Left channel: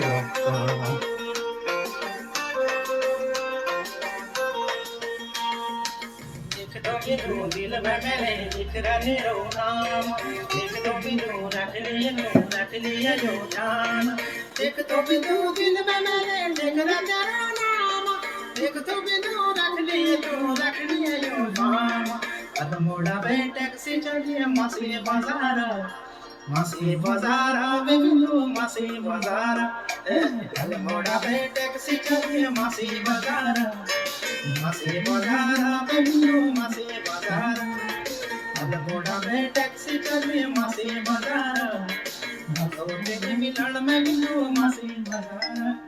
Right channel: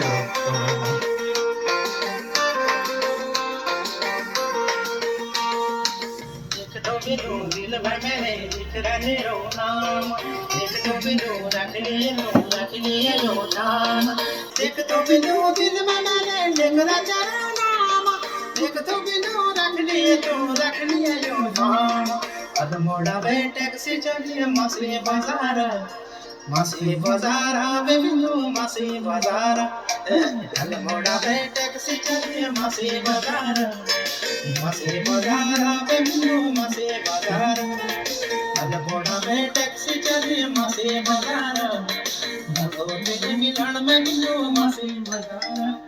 से करो। एक दो बिंदु दिल भर मेरे लिख रहे रो नाम, एक दो बिंदु रख लिए जो नाम, एक दो बिंदु दिल भर मेरे लिख रहे रो नाम, एक दो बिंदु रख लिए जो नाम। अब मोड़ा बे टैक्सी चलिए मछली बाजार, मछली बाजार आवे बिंदु मछली बाजार, अब मोड़ा बे टैक्सी चलिए मछली बाजार, मछली बाजार आवे बिंदु मछली बाजार, अब मोड़ा बे टैक्सी चलिए मछली बाजार, भगोते के मिलन में बिंदु मछली बाजार।